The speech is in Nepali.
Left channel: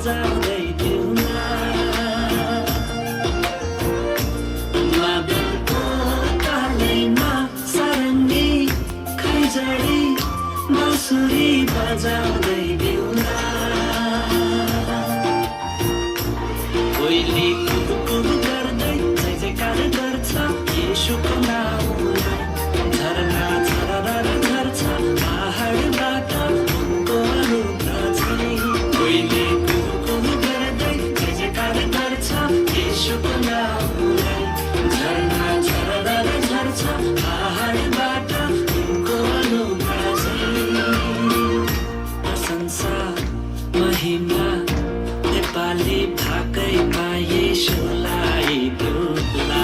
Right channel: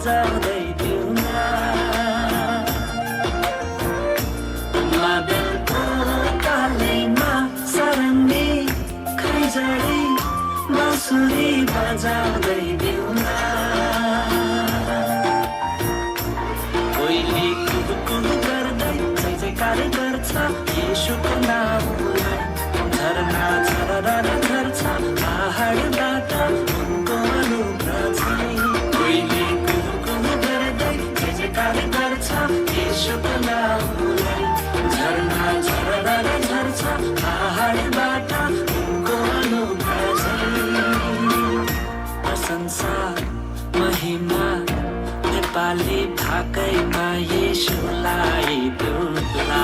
बजाउँदै दिउँला मादलको तालैमा सरङ्गी खैँजडी बाँसुरी बजाउँदै दिउँला कोइली कुहुकुहु गर्दै जय जयकार गर्छ येशूको नाउँलाई झरना झरना झर्छ पहाडबाट उनको अनुग्रह छ कोइली कुहुकुहु गर्दै जय जयकार गर्छ येशूको नाउँलाई झरना झरना झर्छ पहाडबाट उनको अनुग्रह छ प्रशंसा महिमा नेपाली भाकैमा येशूलाई देऊला